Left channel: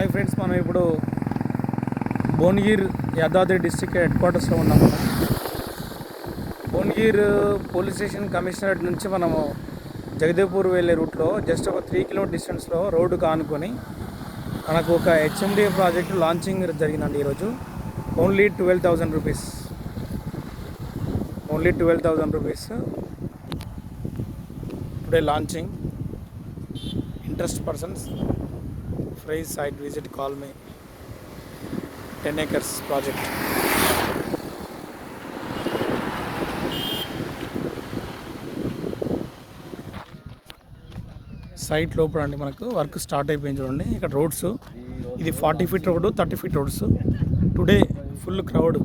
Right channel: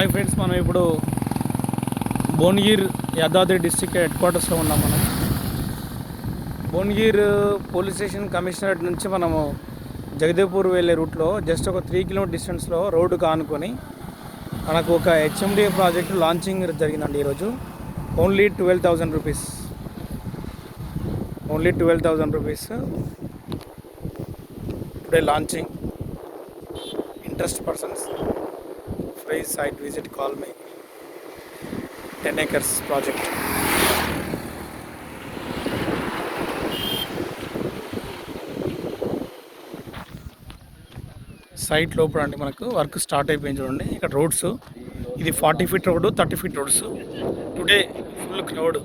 Hi friends, మనం ఇప్పుడు భువనగిరి Yadadri district head క్వార్టర్స్లో ఉన్నాం. మనం భువనగిరి పోలీస్ స్టేషన్ కమిషనరేట్ నుంచి మనము జగదేవ్పూర్ వెళ్ళే రూట్లో జస్ట్ ఒక 3 కిలోమీటర్ డిస్టెన్స్లో రోడ్డుకు ఆనుకొని మనకు ఒక హెచ్ఎండిఏ ప్రాజెక్టు లాంచింగ్ జరిగిందండి. ఈరోజు only 12,000 rupees, only 12,000 rupees today launching. Interest persons free site visit, call me. 10 acres project. Site లోపల అండి మనకు వర్క్ స్టార్ట్ అయిపోయింది. చూడండి ఇక్కడ రోడ్స్, ఇది 40 feet road, 30 feet roads. Today full crowd.